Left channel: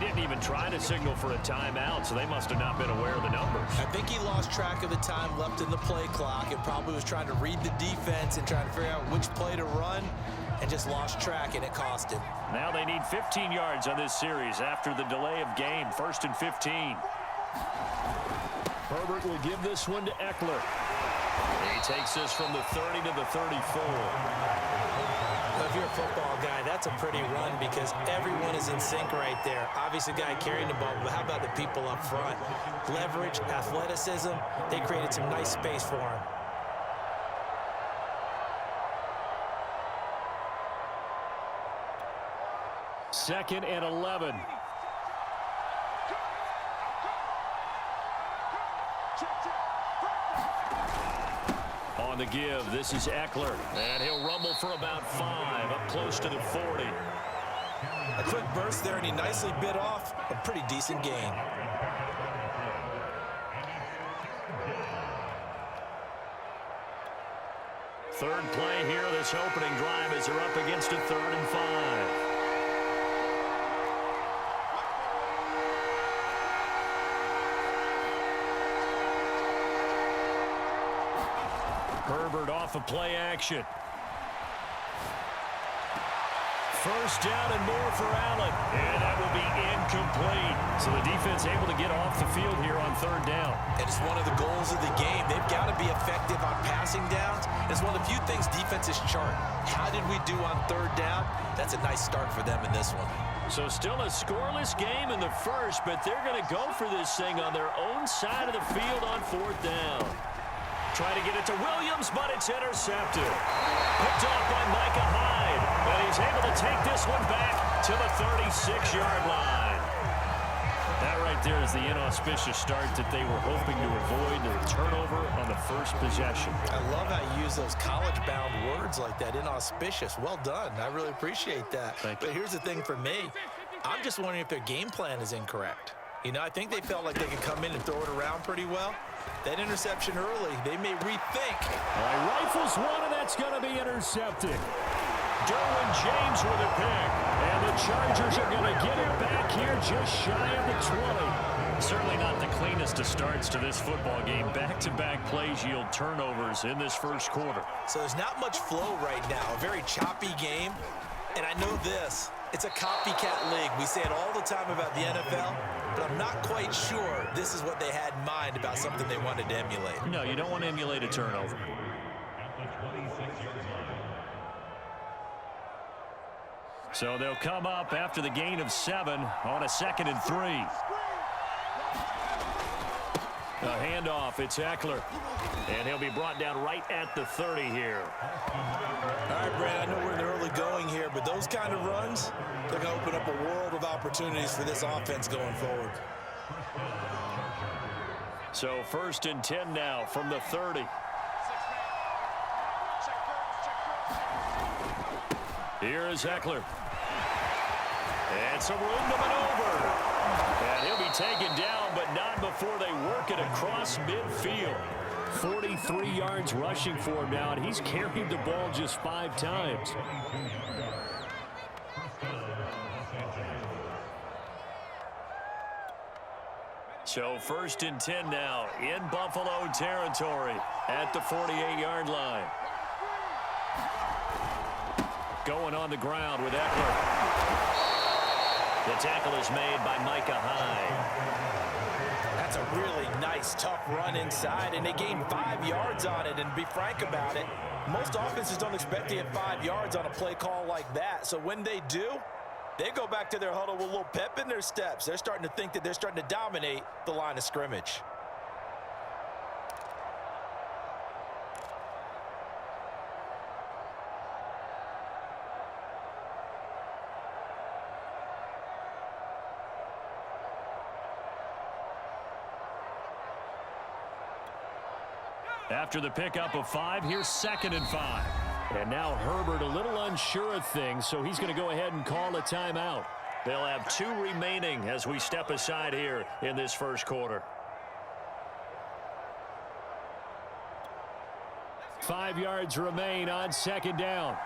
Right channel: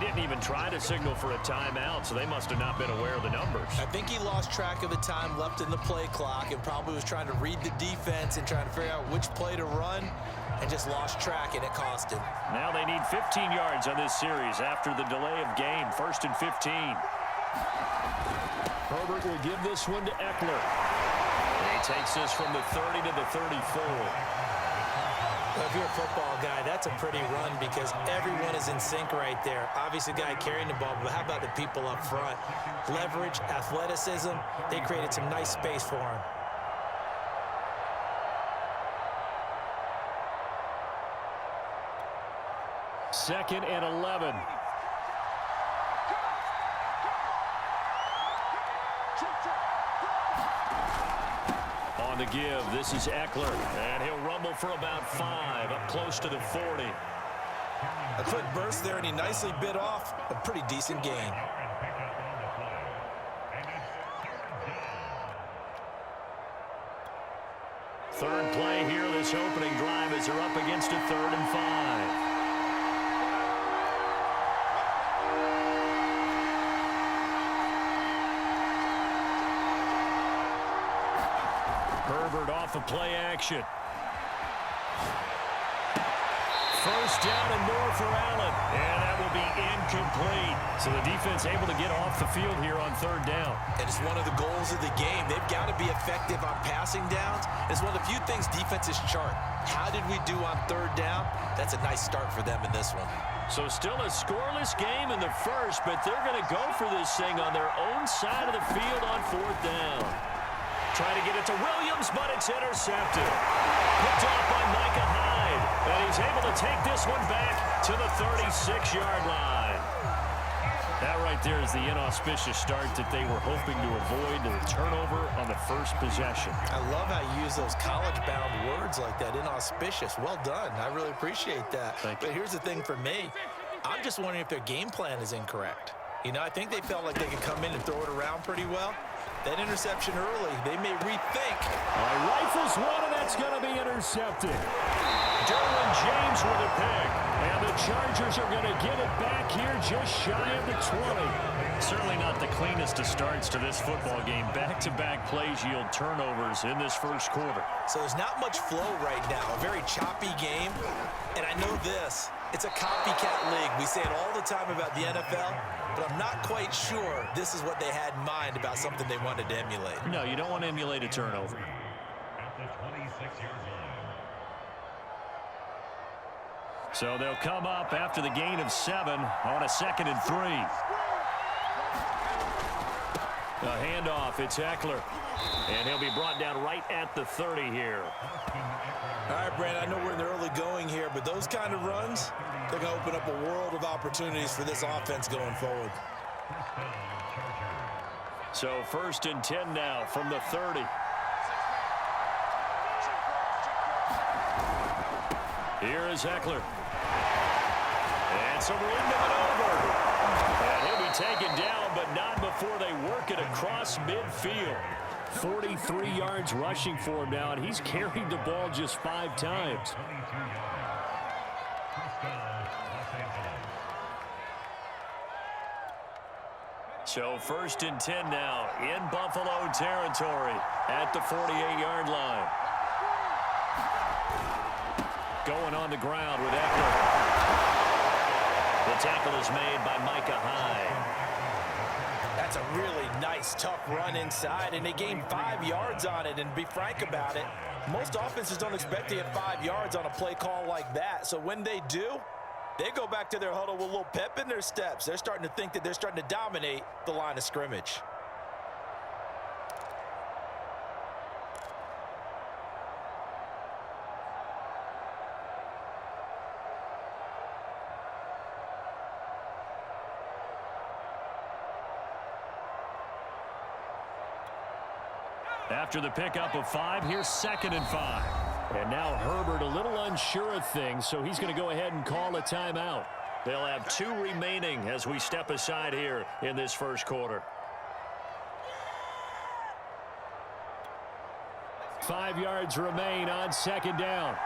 didn't even try to signal for a timeout, so they must have not been aware of the numbers. I think he lost track of the time left in the play clock and probably was trying to read the defense and trying to figure out which play to run and just lost track, and it cost him. Now they need 15 yards on this series after the delay of game. 1st and 15. Herbert will give this one to Eckler. He takes this from the 30 to the 34. Well, if you're a football guy, that's a pretty run because everyone is in sync right there. Obviously, the guy carrying the ball, but how about the people up front? Leverage, athleticism, they created some nice space for him. Second and 11. On the give, this is Eckler, and he'll rumble for about 5, up close to the 40. A quick burst there, and he nicely bit off a pretty decent gain. Third play here, this opening drive as they're up against a 3rd and 5. Herbert off of play action. First down and more for Allen. And that will be incomplete. So the defense able to get off the field here on 3rd down. And it's one of the goals of the game. They've got to be effective on passing downs. It's one of the few things defenses chart. How did we do on 3rd down? That's a nice start for them in this one. So still a scoreless game in the first, but they're going to go for this thing on their own side of the field on 4th down. Try to get it to Williams, but it's intercepted. Picked off by Micah Hyde. And he's able to take this one back to the 36-yard line. That right there is the inauspicious start that they were hoping to avoid, the turnover on the first possession. I love how you use those college-bound words like that, inauspicious. Well done. I really appreciate that. Thank you. But here's the thing for me. I'm just wondering if their game plan is incorrect. You know, I think they felt like they could come in and throw it around pretty well. That interception early, they may rethink. Rifles one, and that's going to be intercepted. Derwin James with a pick. And the Chargers are going to get it back here just shy of the 20. Certainly not the cleanest of starts to this football game. Back-to-back plays yield turnovers in this first quarter. So there's not much flow right now. A very choppy game. And I know this. It's a copycat league. We say it all the time about the NFL, but I'm not quite sure this is what they had in mind about something they wanted to emulate. No, you don't want to emulate a turnover. So they'll come up after the gain of 7 on a 2nd and 3. A handoff, it's Eckler. And he'll be brought down right at the 30 here. All right, Brad, I know we're in the early going here, but those kind of runs, they're going to open up a world of opportunities for this offense going forward. So 1st and 10 now from the 30. Here is Eckler. And some room to maneuver. And he'll be taken down, but not before they work it across midfield. 43 yards rushing for him now, and he's carried the ball just 5 times. So 1st and 10 now in Buffalo territory at the 48-yard line. Going on the ground with Eckler. The tackle is made by Micah Hyde. That's a really nice, tough run inside, and they gained 5 yards on it. And to be frank about it, most offenses don't expect to get 5 yards on a play call like that. So when they do, they go back to their huddle with a little pep in their steps. They're starting to think that they're starting to dominate the line of scrimmage. After the pickup of 5, here's 2nd and 5. And now Herbert a little unsure of things, so he's going to go ahead and call a timeout. They'll have 2 remaining as we step aside here in this first quarter. 5 yards remain on 2nd down.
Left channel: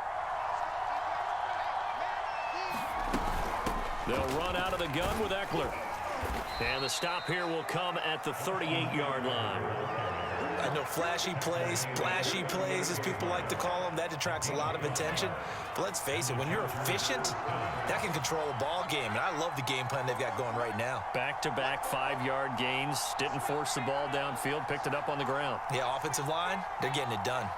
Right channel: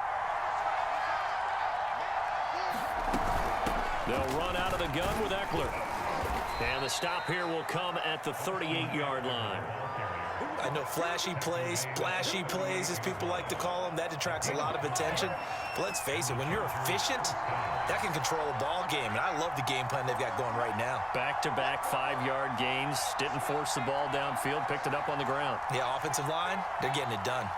They'll run out of the gun with Eckler. And the stop here will come at the 38-yard line. I know flashy plays, splashy plays, as people like to call them, that attracts a lot of attention. But let's face it, when you're efficient, that can control a ball game. And I love the game plan they've got going right now. Back-to-back 5-yard gains. Didn't force the ball downfield. Picked it up on the ground. Yeah, offensive line, they're getting it done.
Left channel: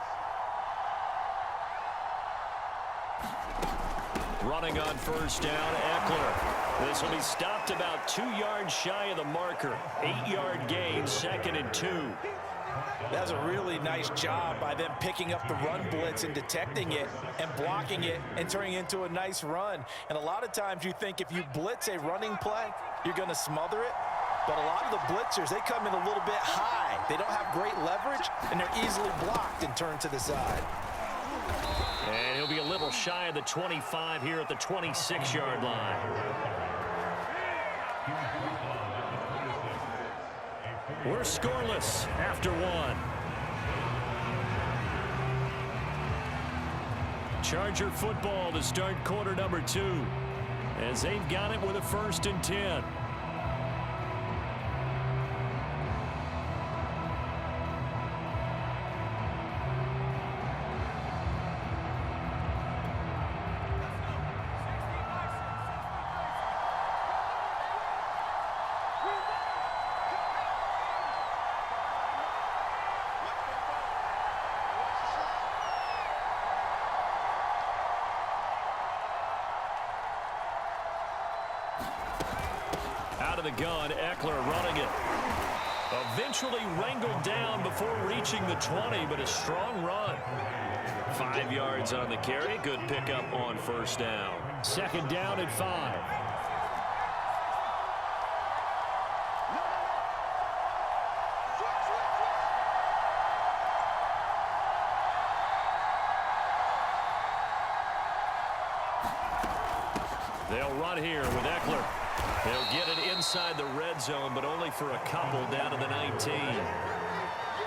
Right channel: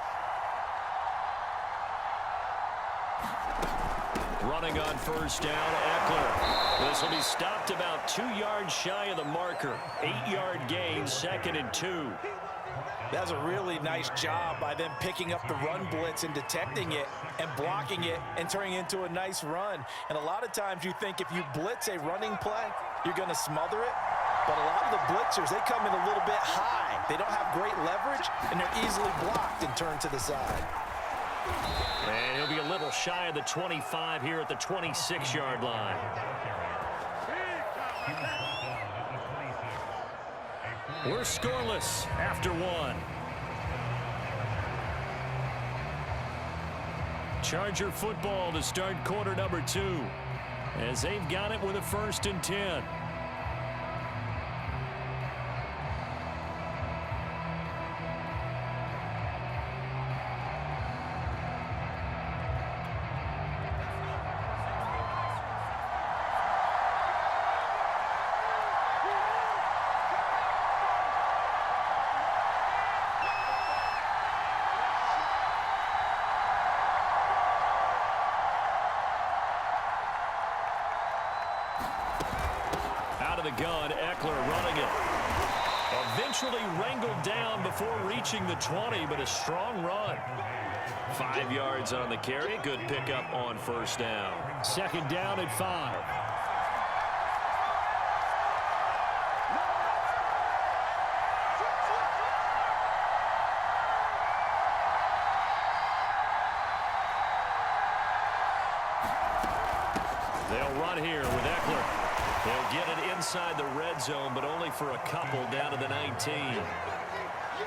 Running on first down, Eckler. This will be stopped about 2 yards shy of the marker. 8-yard gain, 2nd and 2. That's a really nice job by them picking up the run blitz and detecting it and blocking it and turning it into a nice run. And a lot of times you think if you blitz a running play, you're going to smother it. But a lot of the blitzers, they come in a little bit high. They don't have great leverage, and they're easily blocked and turned to the side. And he'll be a little shy of the 25 here at the 26-yard line. We're scoreless after 1. Charger football to start quarter number 2 as they've got it with a 1st and 10. Out of the gun, Eckler running it. Eventually wrangled down before reaching the 20, but a strong run. 5 yards on the carry. Good pickup on first down. 2nd down at 5. They'll run here with Eckler. He'll get it inside the red zone, but only for a couple down to the 19.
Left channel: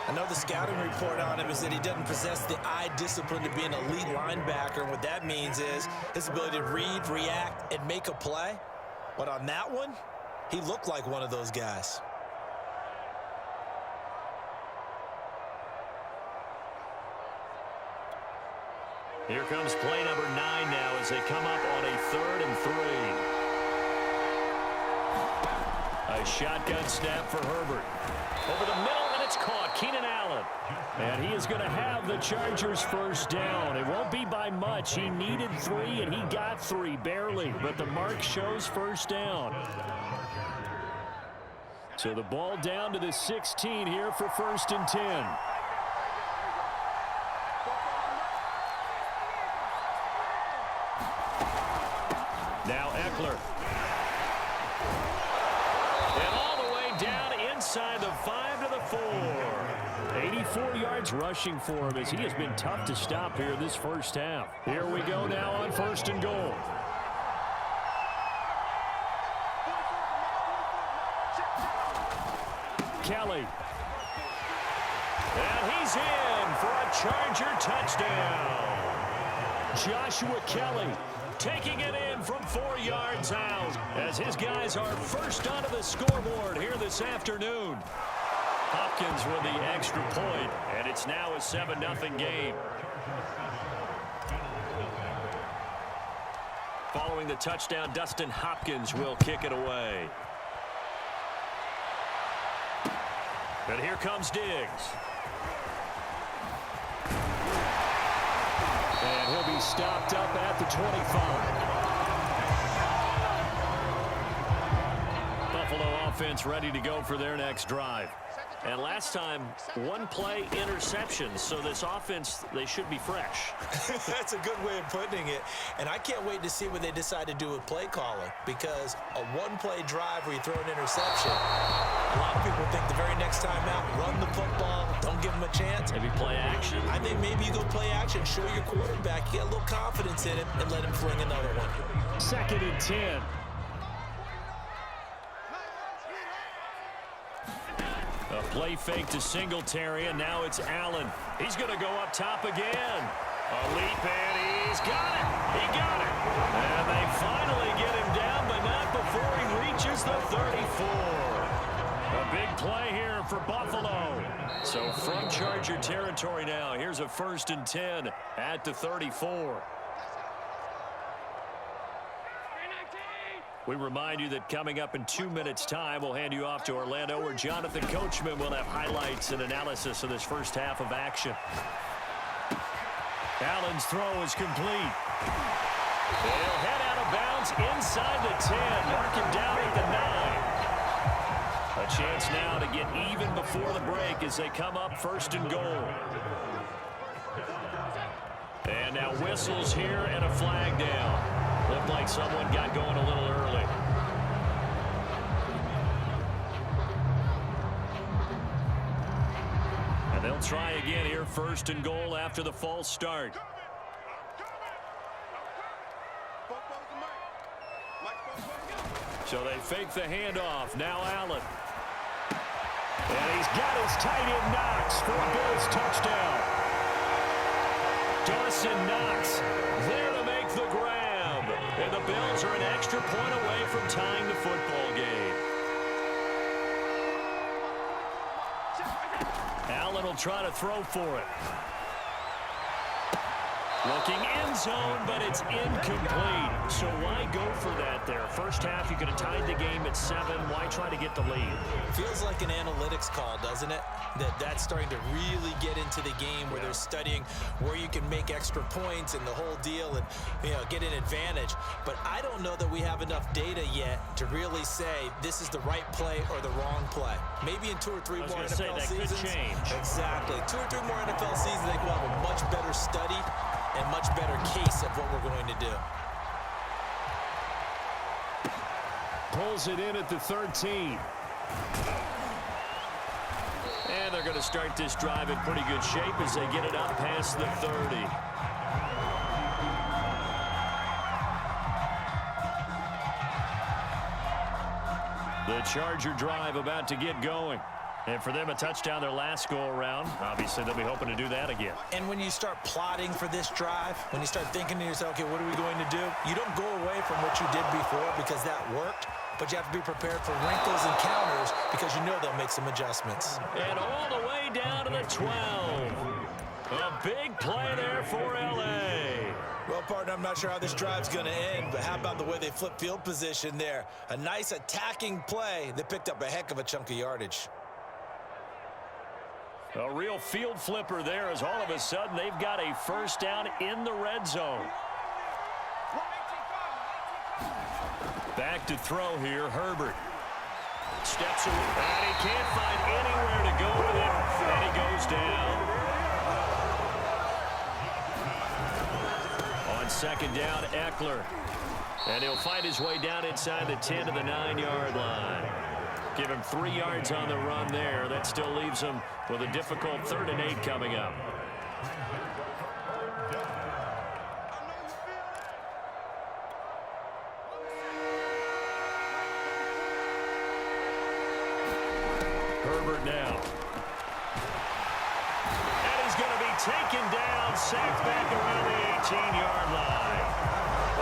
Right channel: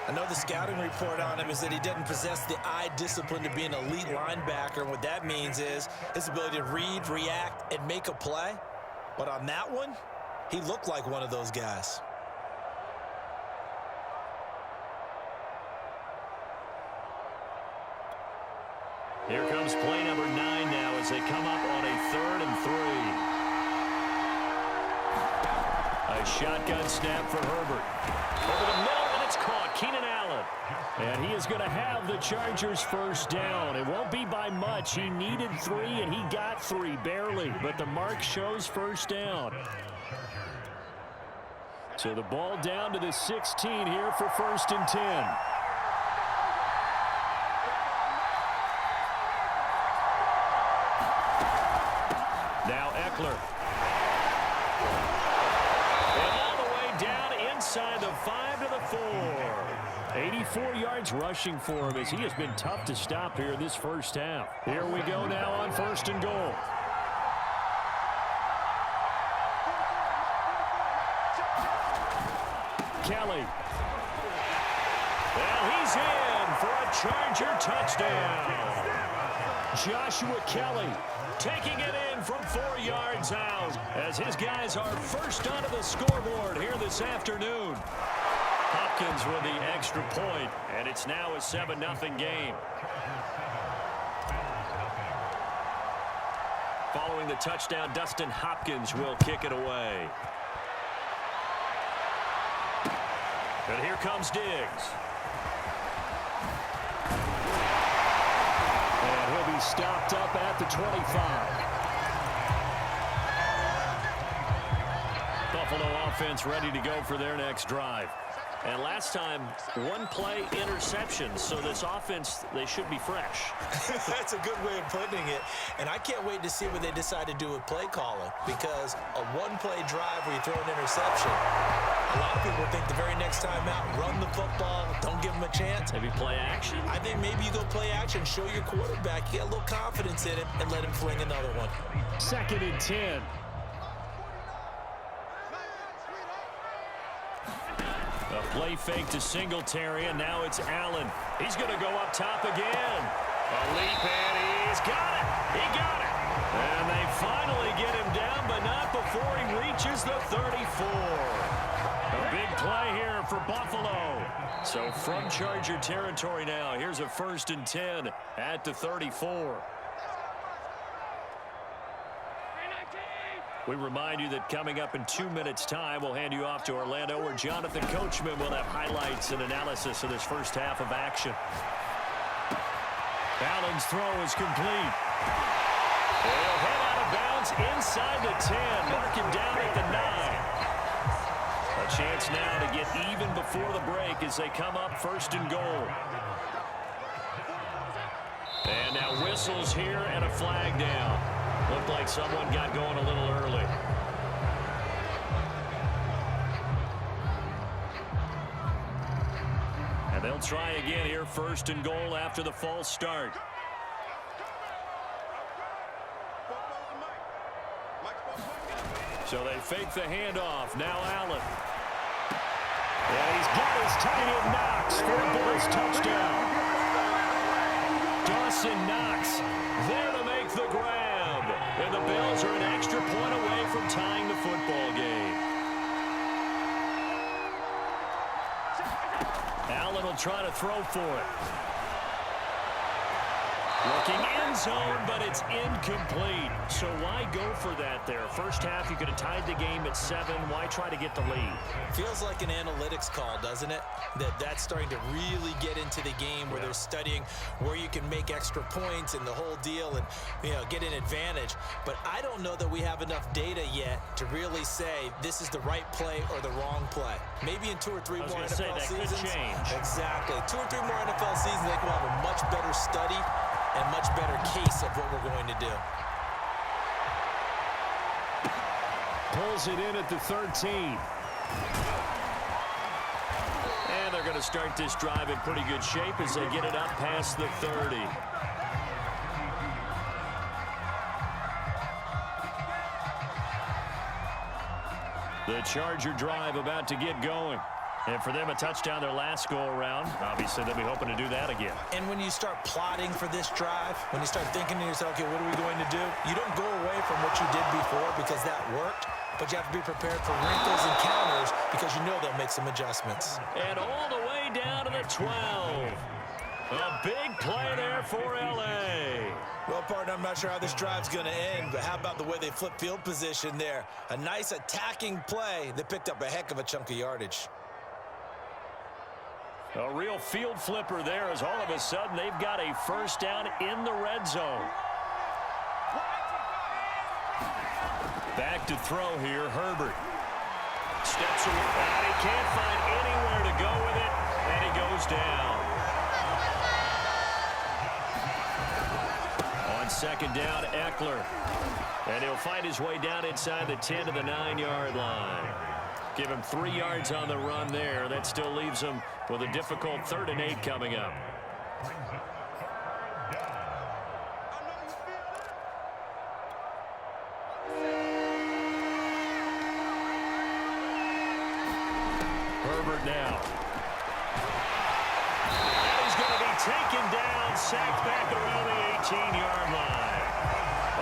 I know the scouting report on him is that he doesn't possess the eye discipline to be an elite linebacker. And what that means is his ability to read, react, and make a play. But on that one, he looked like one of those guys. Here comes play number 9 now as they come up on a 3rd and 3. A shotgun snap for Herbert. Over the middle, and it's caught. Keenan Allen. And he is going to have the Chargers first down. It won't be by much. He needed 3, and he got 3, barely. But the mark shows first down. So the ball down to the 16 here for 1st and 10. Now Eckler. And all the way down inside the 5 to the 4. 84 yards rushing for him as he has been tough to stop here this first half. Here we go now on 1st and goal. Kelly. And he's in for a Charger touchdown. Joshua Kelly taking it in from 4 yards out as his guys are first onto the scoreboard here this afternoon. Hopkins with the extra point, and it's now a 7-0 game. Following the touchdown, Dustin Hopkins will kick it away. And here comes Diggs. And he'll be stopped up at the 25. Buffalo offense ready to go for their next drive. And last time, 1-play interception. So this offense, they should be fresh. That's a good way of putting it. And I can't wait to see what they decide to do with play calling. Because a 1-play drive where you throw an interception, a lot of people think the very next time out, run the football, don't give them a chance. Maybe play action? I think maybe you go play action, show your quarterback, you get a little confidence in him, and let him fling another one. 2nd and 10. A play fake to Singletary, and now it's Allen. He's going to go up top again. A leap, and he's got it. He got it. And they finally get him down, but not before he reaches the 34. A big play here for Buffalo. So from Charger territory now, here's a 1st and 10 at the 34. We remind you that coming up in 2 minutes' time, we'll hand you off to Orlando, where Jonathan Coachman will have highlights and analysis of this first half of action. Allen's throw is complete. He'll head out of bounds inside the 10. Mark him down at the 9. A chance now to get even before the break as they come up 1st and goal. And now whistles here and a flag down. Looked like someone got going a little early. And they'll try again here, 1st and goal after the false start. So they fake the handoff. Now Allen. And he's got his tight end Knox for a Bills touchdown. Dawson Knox there to make the grab. And the Bills are an extra point away from tying the football game. Allen will try to throw for it. Looking end zone, but it's incomplete. So why go for that there? First half, you could have tied the game at 7. Why try to get the lead? Feels like an analytics call, doesn't it? That's starting to really get into the game where they're studying where you can make extra points and the whole deal and, get an advantage. But I don't know that we have enough data yet to really say this is the right play or the wrong play. Maybe in 2 or 3 more NFL seasons. Could change. Exactly. 2 or 3 more NFL seasons, I think we'll have a much better study and much better case of what we're going to do. Pulls it in at the 13. And they're going to start this drive in pretty good shape as they get it up past the 30. The Charger drive about to get going. And for them, a touchdown their last go-around. Obviously, they'll be hoping to do that again. And when you start plotting for this drive, when you start thinking to yourself, okay, what are we going to do? You don't go away from what you did before because that worked, but you have to be prepared for wrinkles and counters because you know they'll make some adjustments. And all the way down to the 12. A big play there for L.A. Well, partner, I'm not sure how this drive's going to end, but how about the way they flip field position there? A nice attacking play that picked up a heck of a chunk of yardage. A real field flipper there as all of a sudden they've got a first down in the red zone. Back to throw here, Herbert. Steps away, and he can't find anywhere to go with it, and he goes down. On 2nd down, Eckler. And he'll find his way down inside the 10 to the 9-yard line. Give him 3 yards on the run there. That still leaves him with a difficult 3rd and 8 coming up. Herbert now. And he's going to be taken down, sacked back around the 18-yard line.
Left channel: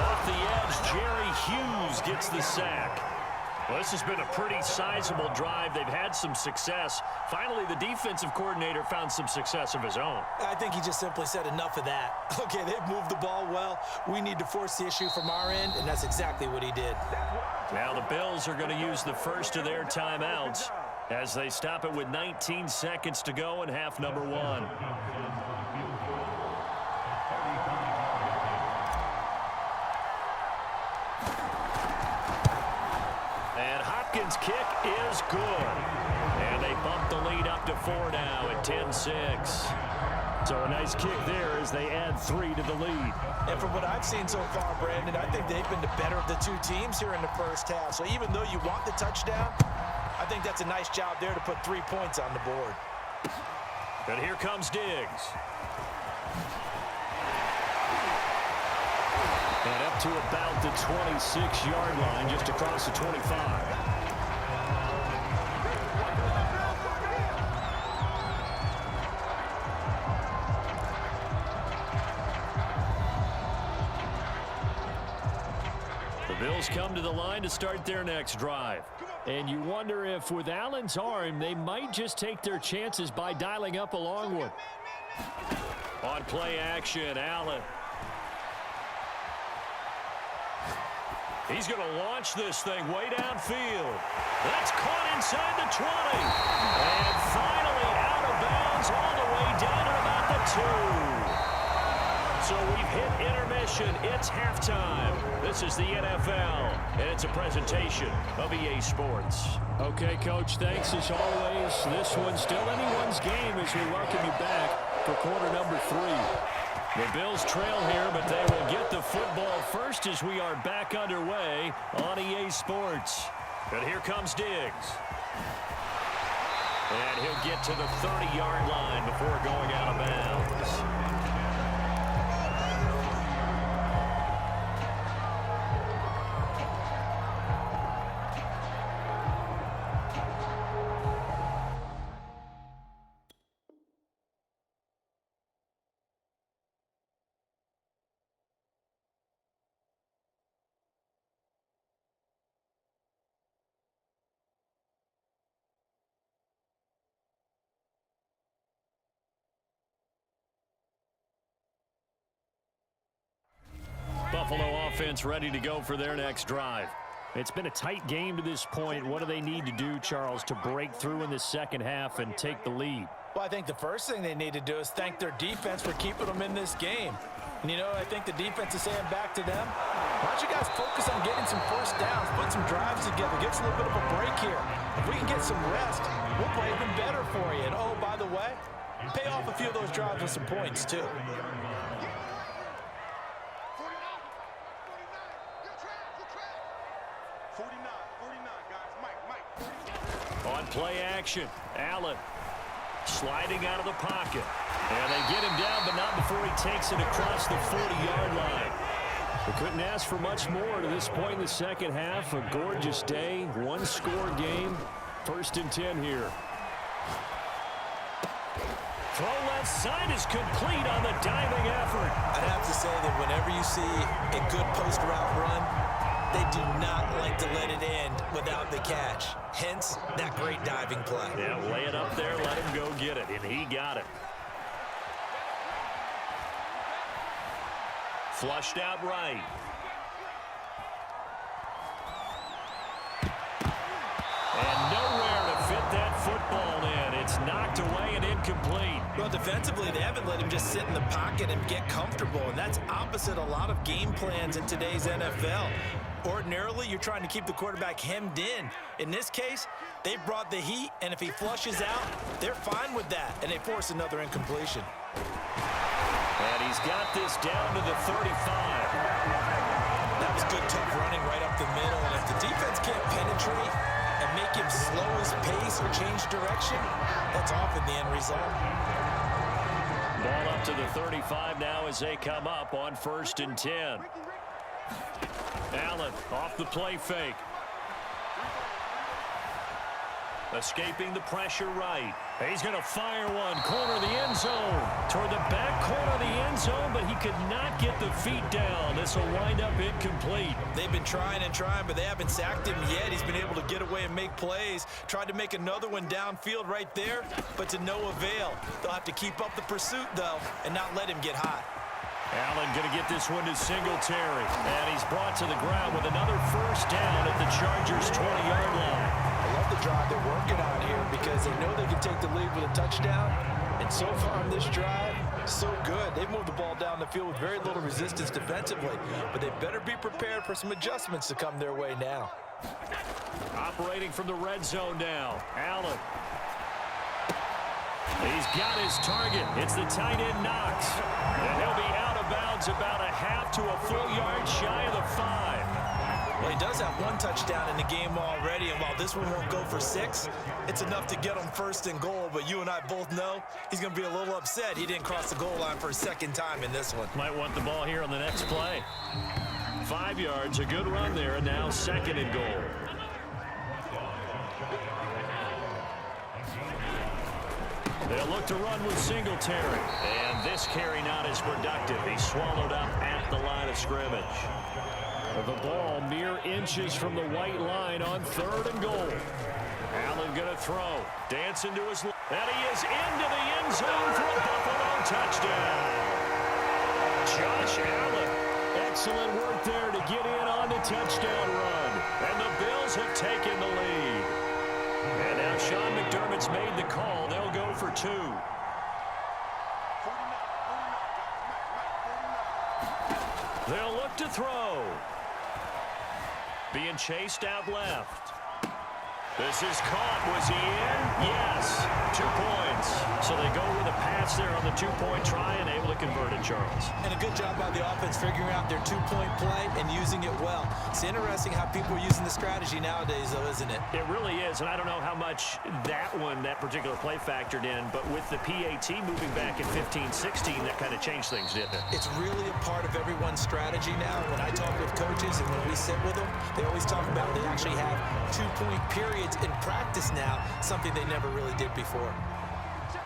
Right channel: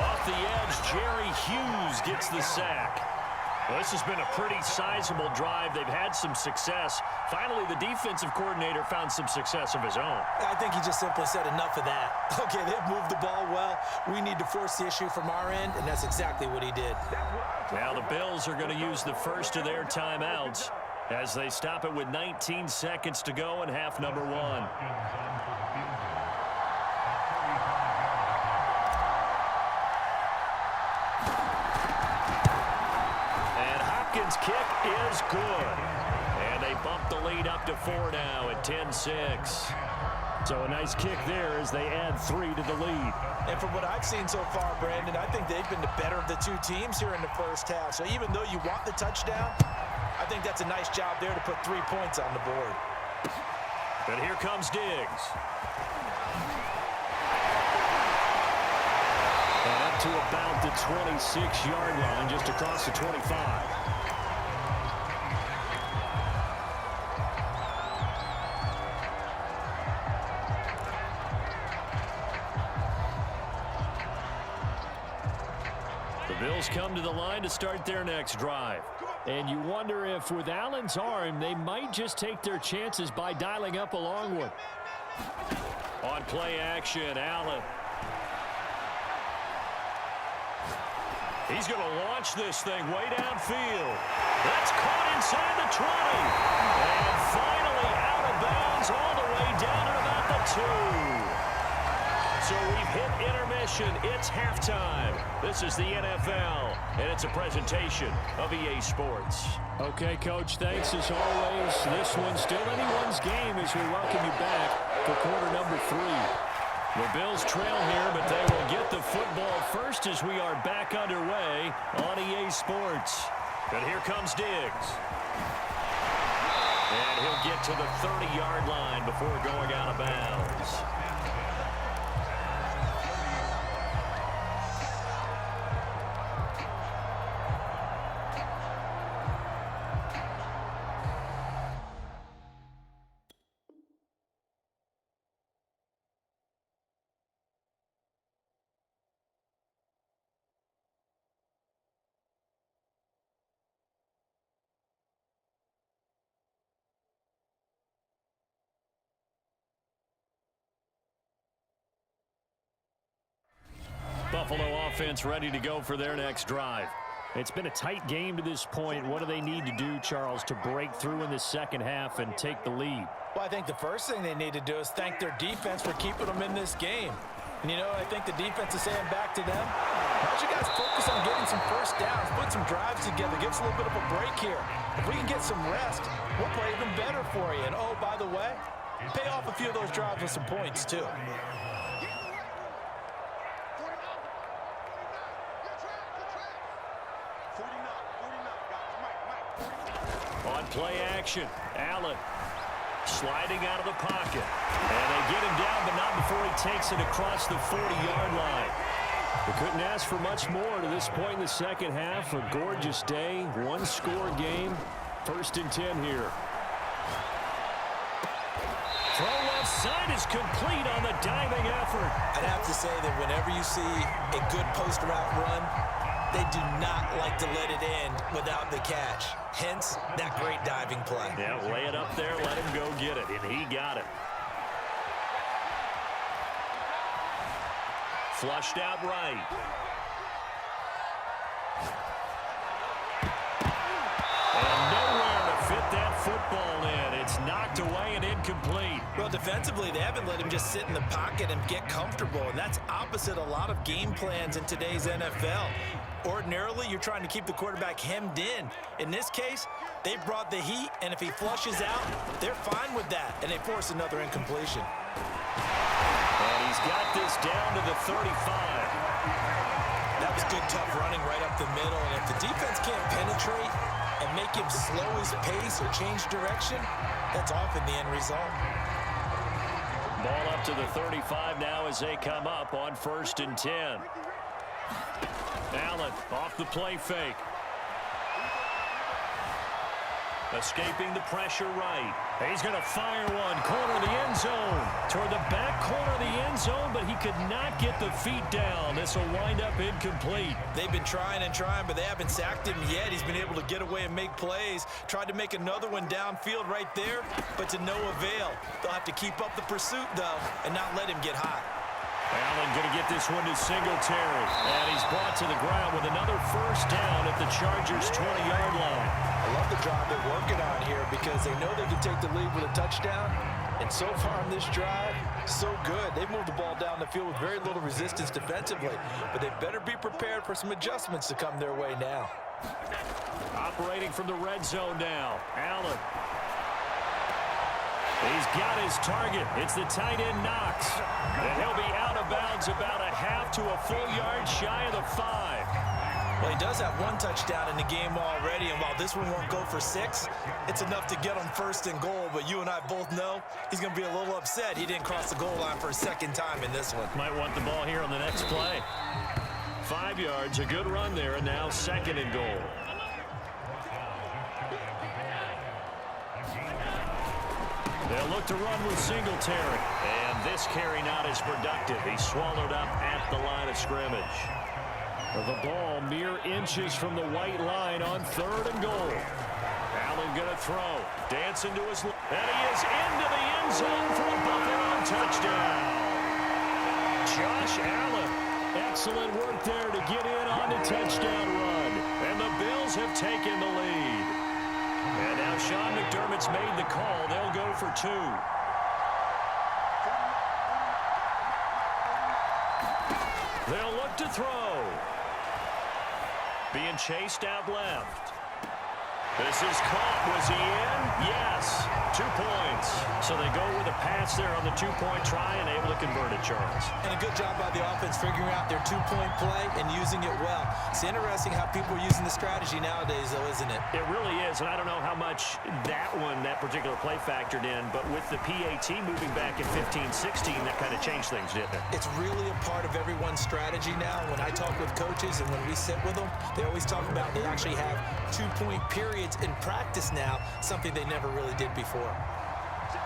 Off the edge, Jerry Hughes gets the sack. Well, this has been a pretty sizable drive. They've had some success. Finally, the defensive coordinator found some success of his own. I think he just simply said enough of that. Okay, they've moved the ball well. We need to force the issue from our end, and that's exactly what he did. Now the Bills are going to use the first of their timeouts as they stop it with 19 seconds to go in half number 1. Hopkins' kick is good. And they bump the lead up to 4 now at 10-6. So a nice kick there as they add 3 to the lead. And from what I've seen so far, Brandon, I think they've been the better of the 2 teams here in the first half. So even though you want the touchdown, I think that's a nice job there to put 3 points on the board. And here comes Diggs. And up to about the 26-yard line, just across the 25. Bills come to the line to start their next drive. And you wonder if with Allen's arm, they might just take their chances by dialing up a long one. On play action, Allen. He's going to launch this thing way downfield. That's caught inside the 20. And finally out of bounds all the way down at about the 2. So we've hit intermission. It's halftime. This is the NFL, and it's a presentation of EA Sports. Okay, Coach, thanks as always. This one's still anyone's game as we welcome you back for quarter number 3. The Bills trail here, but they will get the football first as we are back underway on EA Sports. And here comes Diggs. And he'll get to the 30-yard line before going out of bounds. Buffalo offense ready to go for their next drive. It's been a tight game to this point. What do they need to do, Charles, to break through in the second half and take the lead? Well, I think the first thing they need to do is thank their defense for keeping them in this game. And, you know, I think the defense is saying back to them, why don't you guys focus on getting some first downs, put some drives together, give us a little bit of a break here. If we can get some rest, we'll play even better for you. And, oh, by the way, pay off a few of those drives with some points, too. On play action, Allen sliding out of the pocket. And they get him down, but not before he takes it across the 40-yard line. They couldn't ask for much more to this point in the second half. A gorgeous day, one-score game. 1st and 10 here. Throw left side is complete on the diving effort. I'd have to say that whenever you see a good post route run, they do not like to let it end without the catch. Hence, that great diving play. Yeah, lay it up there, let him go get it, and he got it. Flushed out right. And nowhere to fit that football in. It's knocked away and incomplete. Well, defensively, they haven't let him just sit in the pocket and get comfortable, and that's opposite a lot of game plans in today's NFL. Ordinarily, you're trying to keep the quarterback hemmed in. In this case, they brought the heat, and if he flushes out, they're fine with that, and they force another incompletion. And he's got this down to the 35. That was good, tough running right up the middle, and if the defense can't penetrate and make him slow his pace or change direction, that's often the end result. Ball up to the 35 now as they come up on 1st and 10. Allen off the play fake. Escaping the pressure right. He's going to fire one. Corner of the end zone. Toward the back corner of the end zone, but he could not get the feet down. This will wind up incomplete. They've been trying and trying, but they haven't sacked him yet. He's been able to get away and make plays. Tried to make another one downfield right there, but to no avail. They'll have to keep up the pursuit, though, and not let him get hot. Allen going to get this one to Singletary. And he's brought to the ground with another first down at the Chargers' 20-yard line. I love the drive they're working on here because they know they can take the lead with a touchdown. And so far on this drive, so good. They've moved the ball down the field with very little resistance defensively. But they better be prepared for some adjustments to come their way now. Operating from the red zone now. Allen. He's got his target. It's the tight end Knox. And he'll be out of bounds about a half to a full yard shy of the 5. Well, he does have one touchdown in the game already, and while this one won't go for 6, it's enough to get him 1st and goal. But you and I both know he's going to be a little upset he didn't cross the goal line for a second time in this one. Might want the ball here on the next play. 5 yards, a good run there, and now 2nd and goal. They'll look to run with Singletary. And this carry not as productive. He's swallowed up at the line of scrimmage. The ball mere inches from the white line on 3rd and goal. Allen going to throw. Dancing to his left. And he is into the end zone for a Buffalo touchdown. Josh Allen. Excellent work there to get in on the touchdown run. And the Bills have taken the lead. And now Sean McDermott's made the call. They'll go for 2. They'll look to throw. Being chased out left. This is caught. Was he in? Yes. 2 points. So they go with a pass there on the 2-point try and able to convert it, Charles. And a good job by the offense figuring out their 2-point play and using it well. It's interesting how people are using the strategy nowadays, though, isn't it? It really is, and I don't know how much that particular play factored in, but with the PAT moving back at 15-16, that kind of changed things, didn't it? It's really a part of everyone's strategy now. When I talk with coaches and when we sit with them, they always talk about they actually have 2-point periods in practice now, something they never really did before.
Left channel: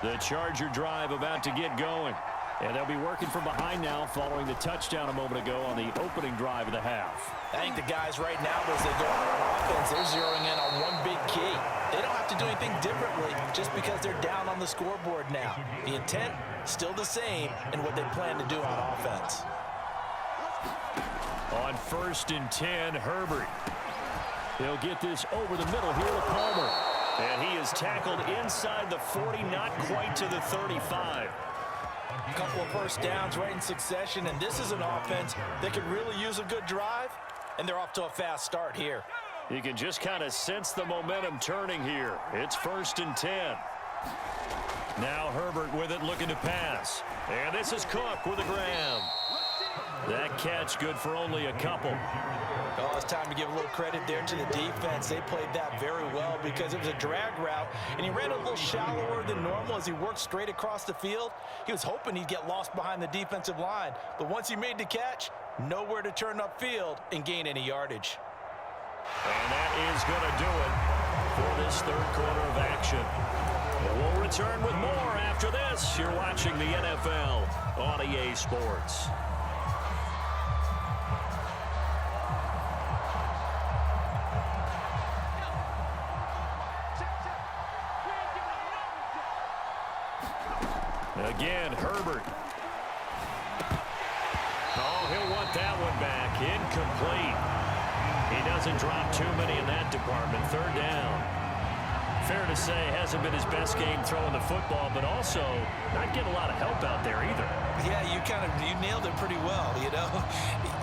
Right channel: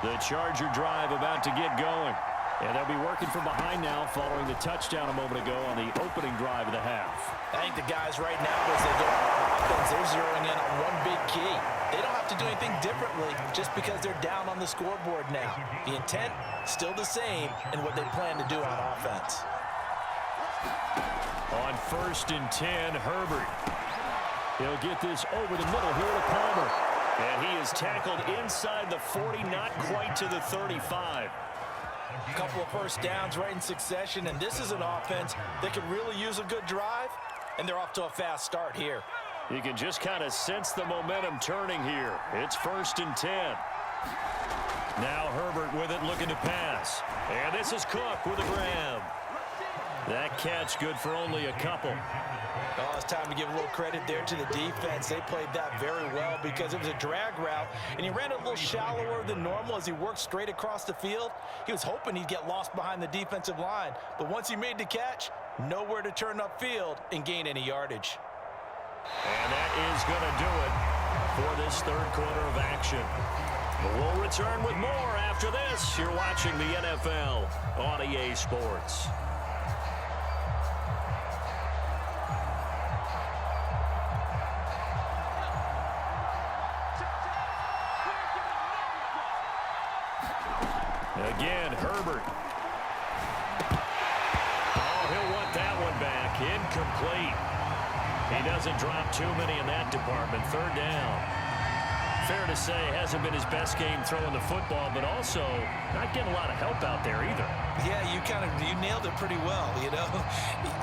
The Charger drive about to get going. And they'll be working from behind now following the touchdown a moment ago on the opening drive of the half. I think the guys right now, as they go out on offense, they're zeroing in on one big key. They don't have to do anything differently just because they're down on the scoreboard now. The intent, still the same in what they plan to do on offense. On 1st and 10, Herbert. He'll get this over the middle here to Palmer. And he is tackled inside the 40, not quite to the 35. A couple of first downs right in succession, and this is an offense that could really use a good drive, and they're off to a fast start here. You can just kind of sense the momentum turning here. It's 1st and 10. Now Herbert with it, looking to pass. And this is Cook with a grab. That catch good for only a couple. Oh, it's time to give a little credit there to the defense. They played that very well because it was a drag route, and he ran a little shallower than normal as he worked straight across the field. He was hoping he'd get lost behind the defensive line, but once he made the catch, nowhere to turn upfield and gain any yardage. And that is going to do it for this 3rd quarter of action. We'll return with more after this. You're watching the NFL on EA Sports. Again, Herbert. Oh, he'll want that one back. Incomplete. He doesn't drop too many in that department. 3rd down. Fair to say, hasn't been his best game throwing the football, but also not getting a lot of help out there either. Yeah, you nailed it pretty well, you know.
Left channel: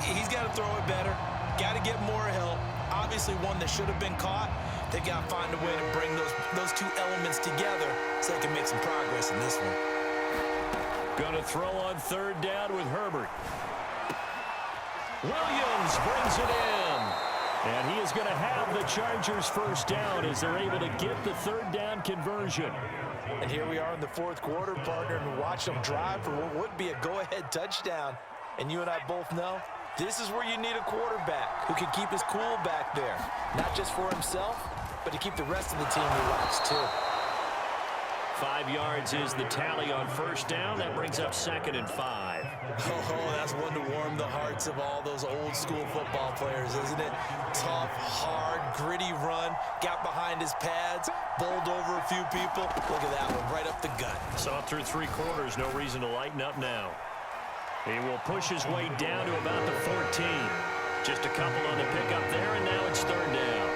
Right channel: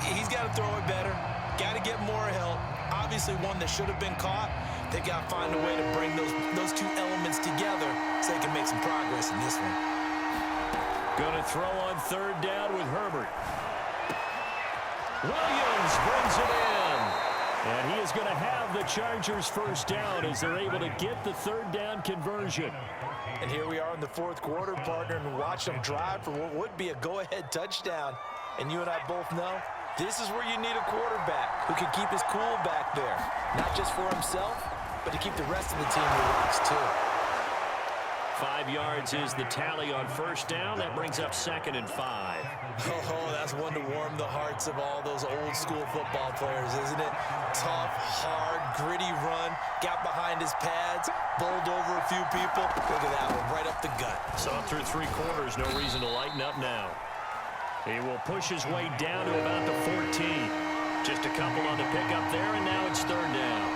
He's got to throw it better. Got to get more help. Obviously one that should have been caught. They've got to find a way to bring those 2 elements together so they can make some progress in this one. Going to throw on 3rd down with Herbert. Williams brings it in. And he is going to have the Chargers' 1st down as they're able to get the 3rd down conversion. And here we are in the 4th quarter, partner, and watch them drive for what would be a go-ahead touchdown. And you and I both know this is where you need a quarterback who can keep his cool back there. Not just for himself, but to keep the rest of the team relaxed too. 5 yards is the tally on 1st down. That brings up 2nd and 5. Oh, that's one to warm the hearts of all those old school football players, isn't it? Tough, hard, gritty run. Got behind his pads, bowled over a few people. Look at that one, right up the gut. Saw through 3 quarters, no reason to lighten up now. He will push his way down to about the 14. Just a couple on the pickup there, and now it's 3rd down.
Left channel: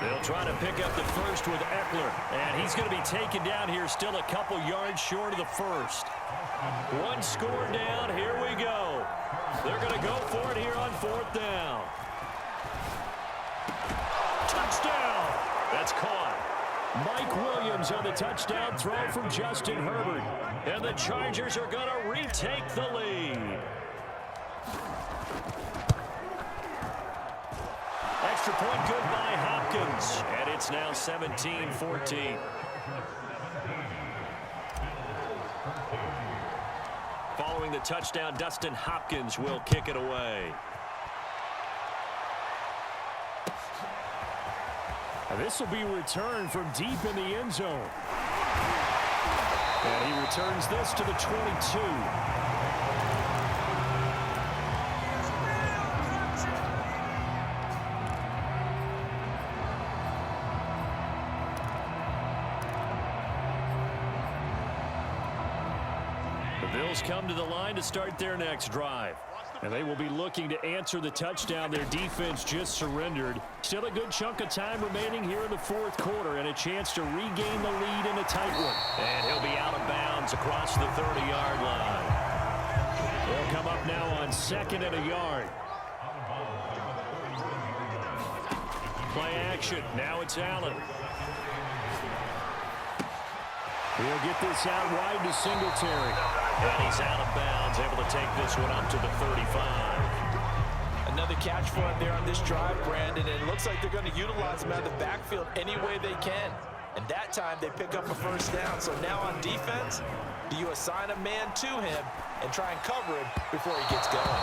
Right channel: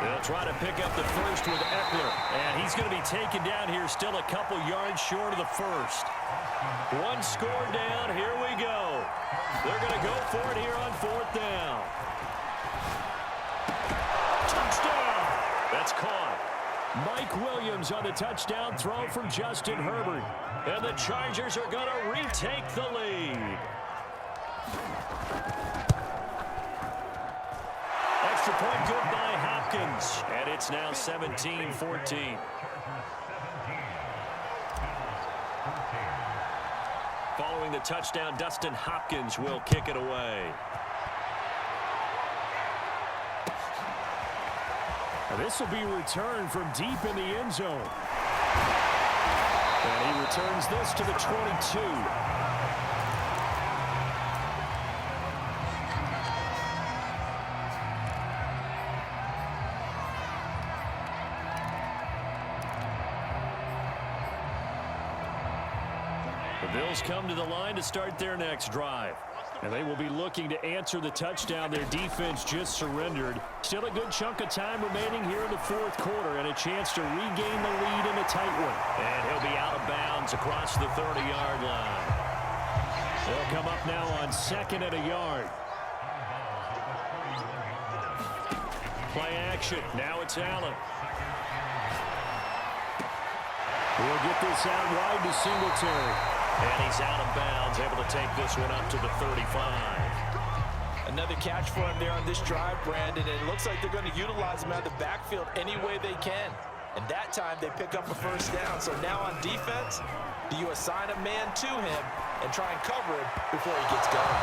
They'll try to pick up the 1st with Eckler, and he's going to be taken down here still a couple yards short of the 1st. 1 score down, here we go. They're going to go for it here on 4th down. Touchdown! That's caught. Mike Williams on the touchdown throw from Justin Herbert. And the Chargers are going to retake the lead. Extra point good by Hopkins. And it's now 17-14. Following the touchdown, Dustin Hopkins will kick it away. And this will be returned from deep in the end zone. And he returns this to the 22. The Bills come to the line to start their next drive. And they will be looking to answer the touchdown their defense just surrendered. Still a good chunk of time remaining here in the fourth quarter and a chance to regain the lead in a tight one. And he'll be out of bounds across the 30-yard line. They'll come up now on 2nd and a yard. Play action. Now it's Allen. We'll get this out wide to Singletary. And he's out of bounds, able to take this one up to the 35. Another catch for him there on this drive, Brandon. And it looks like they're going to utilize him out of the backfield any way they can. And that time they pick up a first down. So now on defense, do you assign a man to him and try and cover him before he gets going?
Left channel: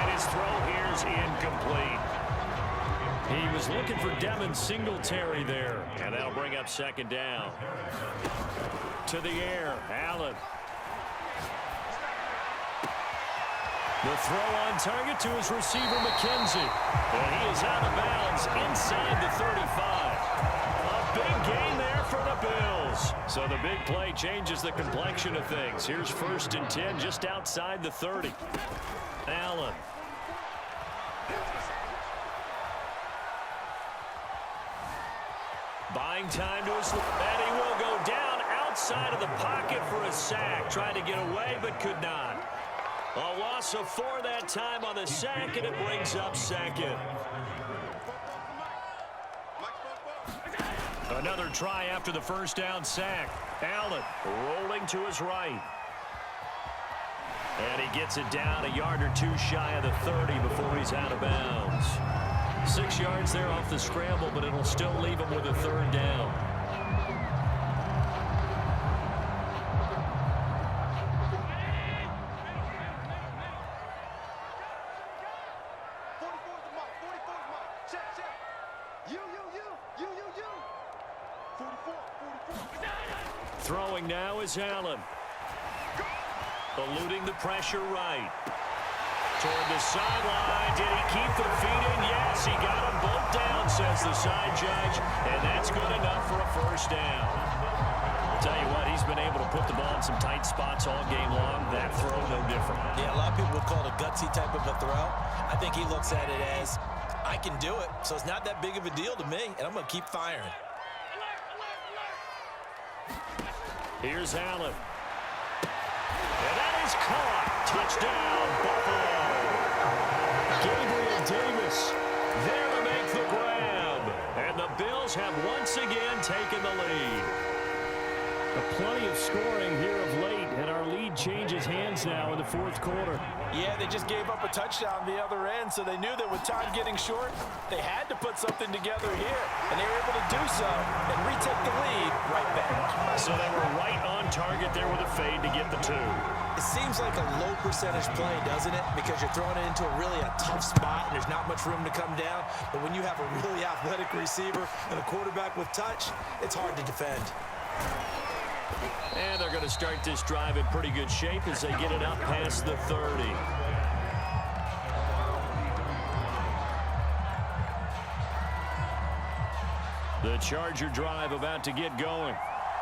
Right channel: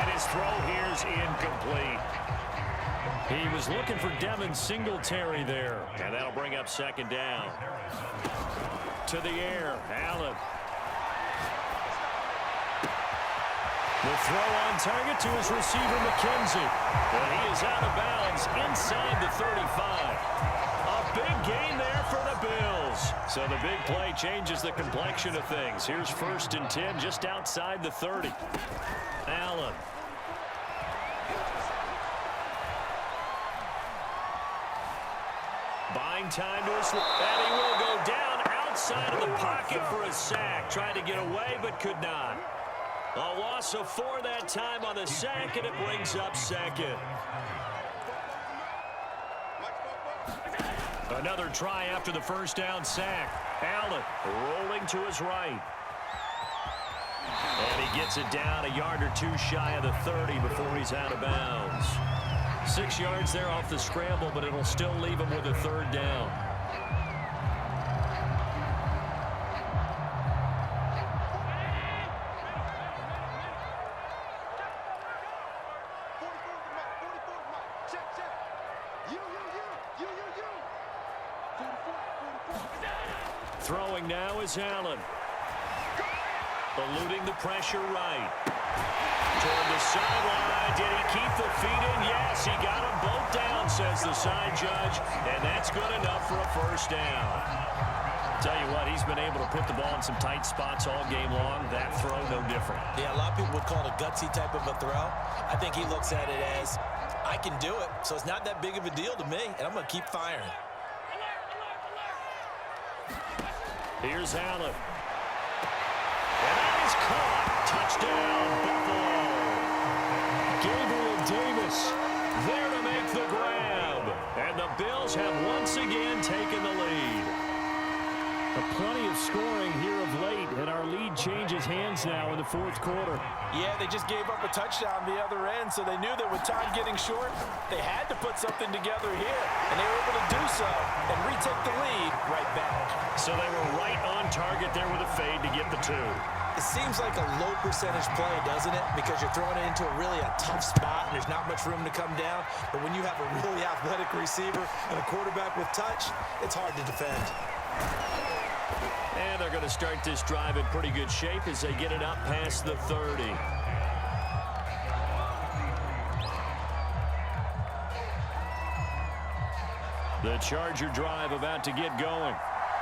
And his throw here is incomplete. He was looking for Devin Singletary there. And that'll bring up 2nd down. To the air, Allen. The throw on target to his receiver, McKenzie. And he is out of bounds inside the 35. A big gain there for the Bills. So the big play changes the complexion of things. Here's 1st and 10 just outside the 30. Allen. Buying time to his left. And he will go down outside of the pocket for a sack. Tried to get away but could not. A loss of 4 that time on the sack, and it brings up 2nd. Another try after the first down sack. Allen rolling to his right. And he gets it down a yard or two shy of the 30 before he's out of bounds. 6 yards there off the scramble, but it'll still leave him with a 3rd down. Throwing now is Allen. Eluding the pressure right. Toward the sideline. Did he keep the feet in? Yes, he got them both down, says the side judge. And that's good enough for a first down. I'll tell you what, he's been able to put the ball in some tight spots all game long. That throw, no different. Yeah, a lot of people would call it a gutsy type of a throw. I think he looks at it as, I can do it, so it's not that big of a deal to me, and I'm going to keep firing. Here's Allen. And that is caught. Touchdown, Buffalo. Gabriel Davis there to make the grab. And the Bills have once again taken the lead. Plenty of scoring here of late, and our lead changes hands now in the fourth quarter. Yeah, they just gave up a touchdown the other end, so they knew that with time getting short, they had to put something together here, and they were able to do so and retake the lead right back. So they were right on target there with a fade to get the 2. It seems like a low percentage play, doesn't it? Because you're throwing it into a tough spot, and there's not much room to come down. But when you have a really athletic receiver and a quarterback with touch, it's hard to defend. And they're going to start this drive in pretty good shape as they get it up past the 30. The Charger drive about to get going.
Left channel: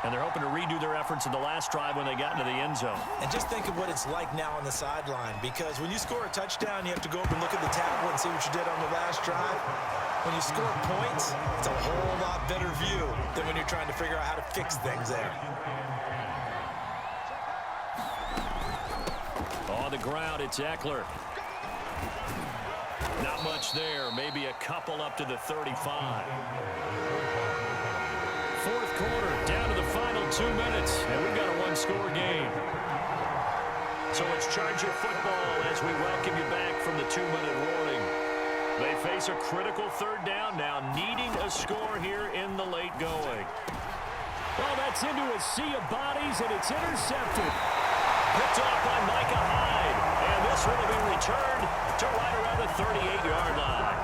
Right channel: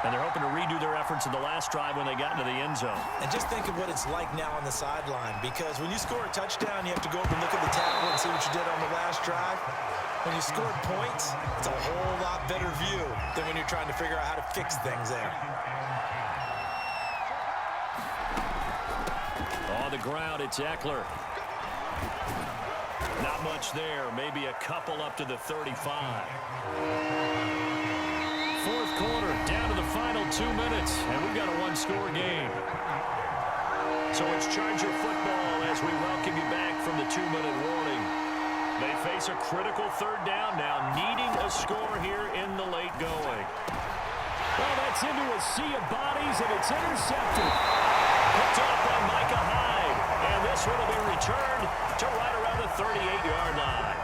And they're hoping to redo their efforts in the last drive when they got into the end zone. And just think of what it's like now on the sideline, because when you score a touchdown, you have to go up and look at the tablet and see what you did on the last drive. When you score points, it's a whole lot better view than when you're trying to figure out how to fix things there. On the ground, it's Eckler. Not much there. Maybe a couple up to the 35. Fourth quarter, down to the final 2 minutes, and we've got a one-score game. So it's Charger football as we welcome you back from the 2-minute warning. They face a critical third down now, needing a score here in the late going. Well, that's into a sea of bodies, and it's intercepted. Picked off by Micah Hyde, and this one will be returned to right around the 38-yard line.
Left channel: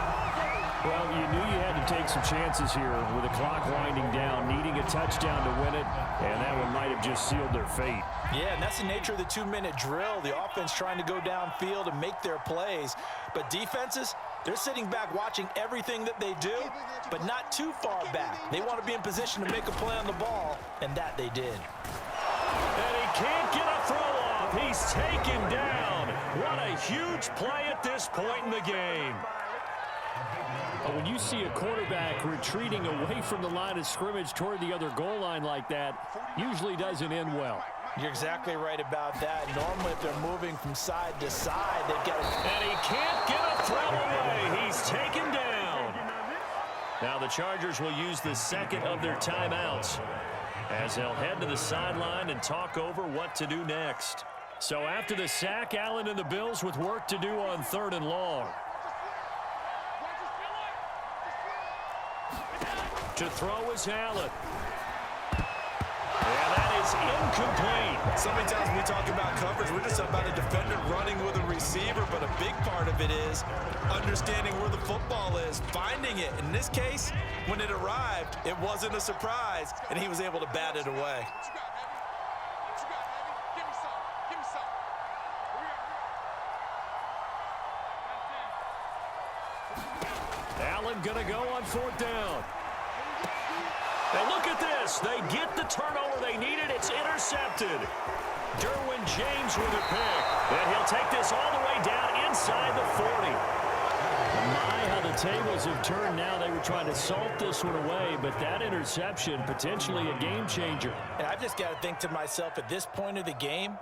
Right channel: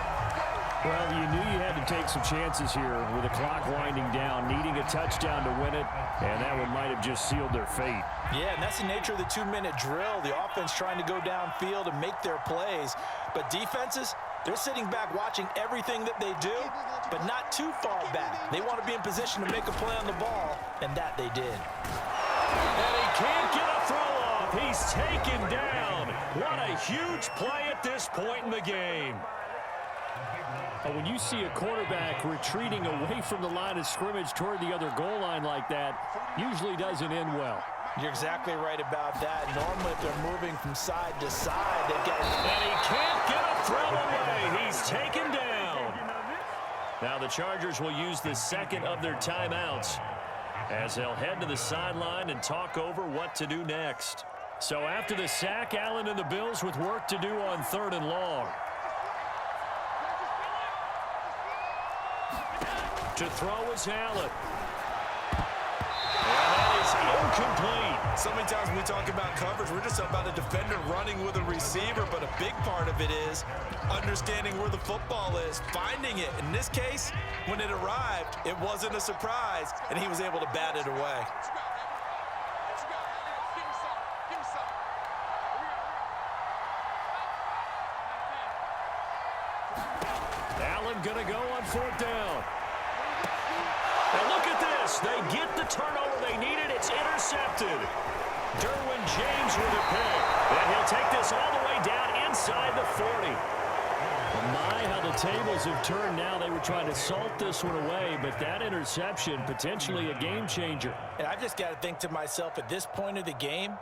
Well, you knew you had to take some chances here with the clock winding down, needing a touchdown to win it, and that one might have just sealed their fate. Yeah, and that's the nature of the 2-minute drill. The offense trying to go downfield and make their plays. But defenses, they're sitting back watching everything that they do, but not too far back. They want to be in position to make a play on the ball, and that they did. And he can't get a throw off. He's taken down. What a huge play at this point in the game. When you see a quarterback retreating away from the line of scrimmage toward the other goal line like that, usually doesn't end well. You're exactly right about that. Normally, if they're moving from side to side, they've got... And he can't get a throw away. He's taken down. Now the Chargers will use the second of their timeouts as they'll head to the sideline and talk over what to do next. So after the sack, Allen and the Bills with work to do on 3rd and long. To throw is Allen. And that is incomplete. So many times when we talk about coverage, we're just about a defender running with a receiver, but a big part of it is understanding where the football is, finding it. In this case, when it arrived, it wasn't a surprise, and he was able to bat it away. Allen gonna go on 4th down. And look at this. They get the turnover they needed. It's intercepted. Derwin James with a pick. And he'll take this all the way down inside the 40. My, how the tables have turned now. They were trying to salt this one away, but that interception, potentially a game changer. And I've just got to think to myself, at this point of the game,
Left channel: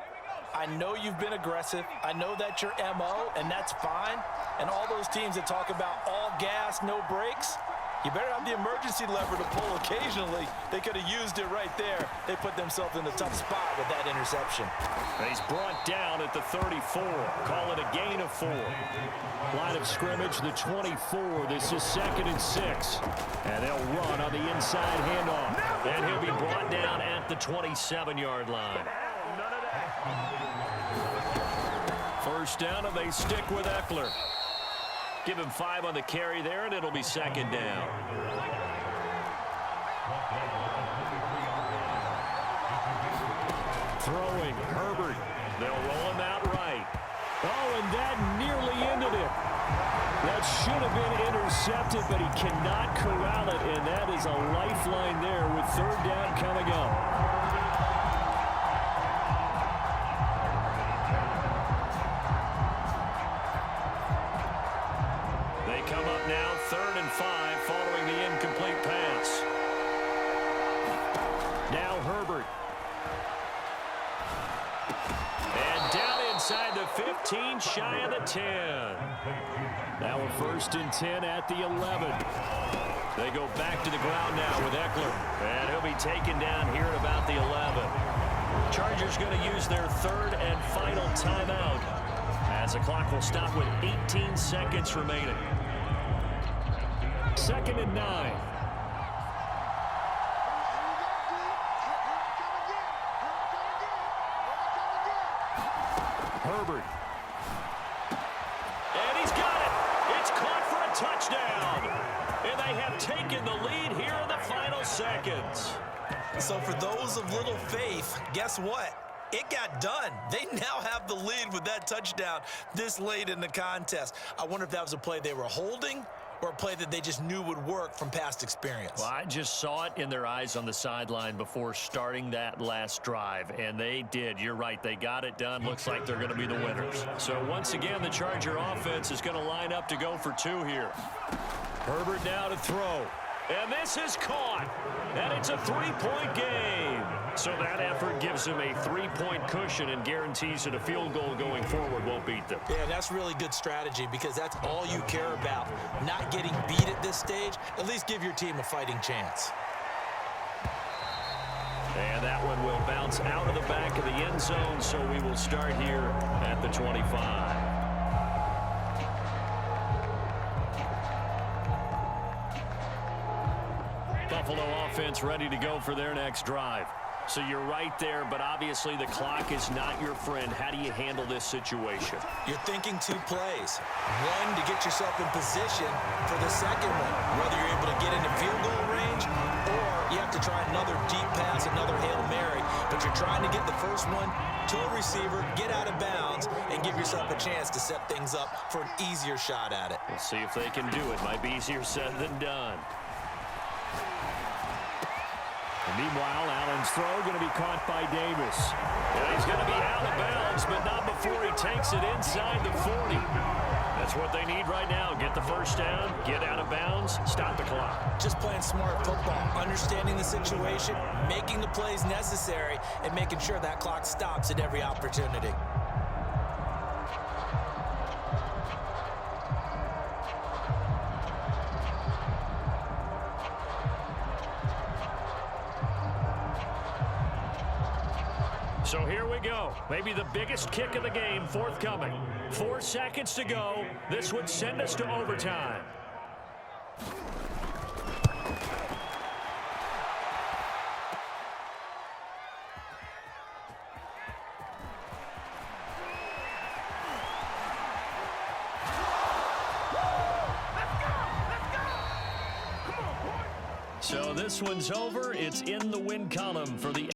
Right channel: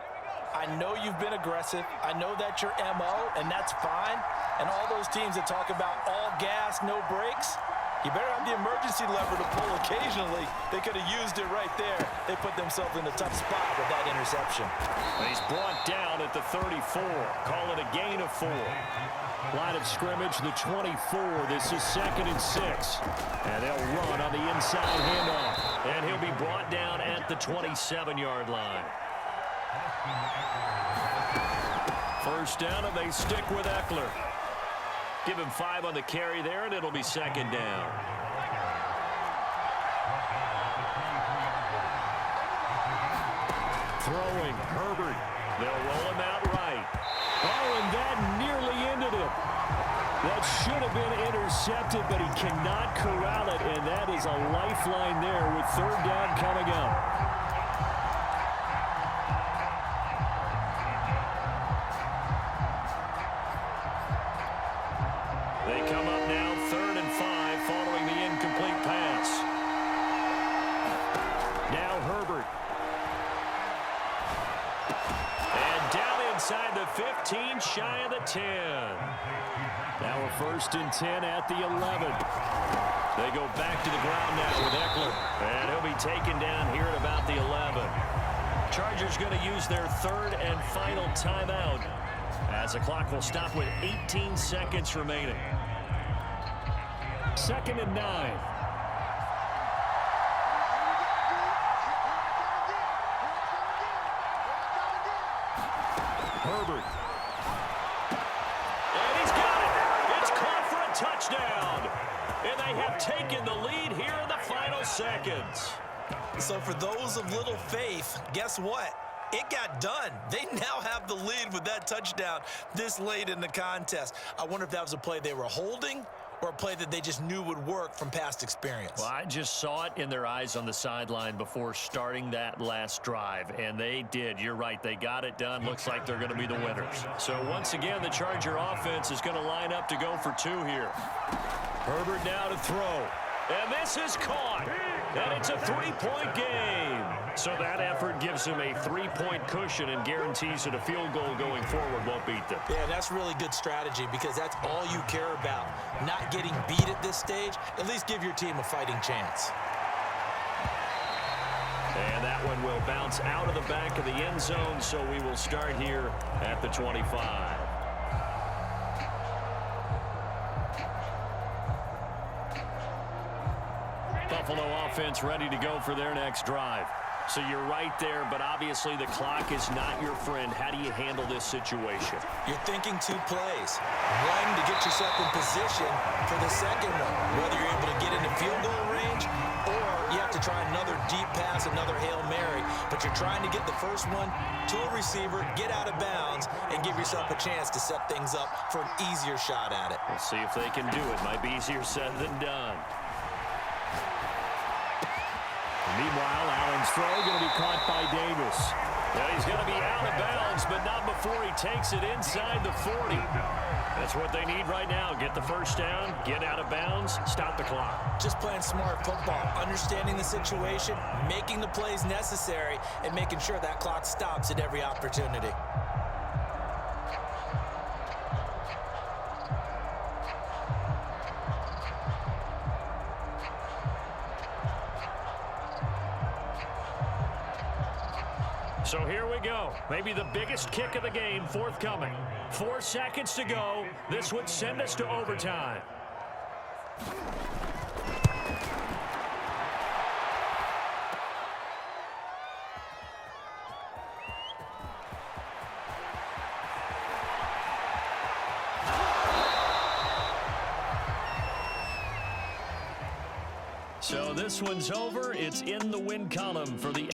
I know you've been aggressive. I know that's your MO, and that's fine. And all those teams that talk about all gas, no brakes, you better have the emergency lever to pull occasionally. They could have used it right there. They put themselves in a tough spot with that interception. And he's brought down at the 34. Call it a gain of 4. Line of scrimmage, the 24. This is 2nd and 6. And they'll run on the inside handoff. And he'll be brought down at the 27-yard line. First down, and they stick with Eckler. Give him 5 on the carry there, and it'll be 2nd down. Throwing, Herbert. They'll roll him out right. Oh, and that nearly ended it. That should have been intercepted, but he cannot corral it, and that is a lifeline there with 3rd down coming up. They come up now 3rd and 5 following the incomplete pass. Now Herbert. And down inside the 15, shy of the 10. Now we're 1st and 10 at the 11. They go back to the ground now with Eckler. And he'll be taken down here at about the 11. Chargers going to use their 3rd and final timeout as the clock will stop with 18 seconds remaining. 2nd and 9. Herbert. And he's got it. It's caught for a touchdown. And they have taken the lead here in the final seconds. So for those of little faith, guess what? It got done. They now have the lead with that touchdown this late in the contest. I wonder if that was a play they were holding or a play that they just knew would work from past experience. Well, I just saw it in their eyes on the sideline before starting that last drive, and they did. You're right. They got it done. Looks like they're going to be the winners. So once again, the Charger offense is going to line up to go for 2 here. Herbert now to throw. And this is caught. And it's a 3-point game. So that effort gives him a 3-point cushion and guarantees that a field goal going forward won't beat them. Yeah, that's really good strategy because that's all you care about. Not getting beat at this stage. At least give your team a fighting chance. And that one will bounce out of the back of the end zone, so we will start here at the 25. Buffalo offense ready to go for their next drive. So you're right there, but obviously the clock is not your friend. How do you handle this situation? You're thinking 2 plays. One, to get yourself in position for the second one, whether you're able to get into field goal range or you have to try another deep pass, another Hail Mary. But you're trying to get the first one to a receiver, get out of bounds, and give yourself a chance to set things up for an easier shot at it. We'll see if they can do it. Might be easier said than done. Meanwhile, Allen's throw going to be caught by Davis. Yeah, he's going to be out of bounds, but not before he takes it inside the 40. That's what they need right now. Get the first down, get out of bounds, stop the clock. Just playing smart football, understanding the situation, making the plays necessary, and making sure that clock stops at every opportunity. So here we go. Maybe the biggest kick of the game forthcoming. 4 seconds to go. This would send us to overtime. So this one's over. It's in the win column for the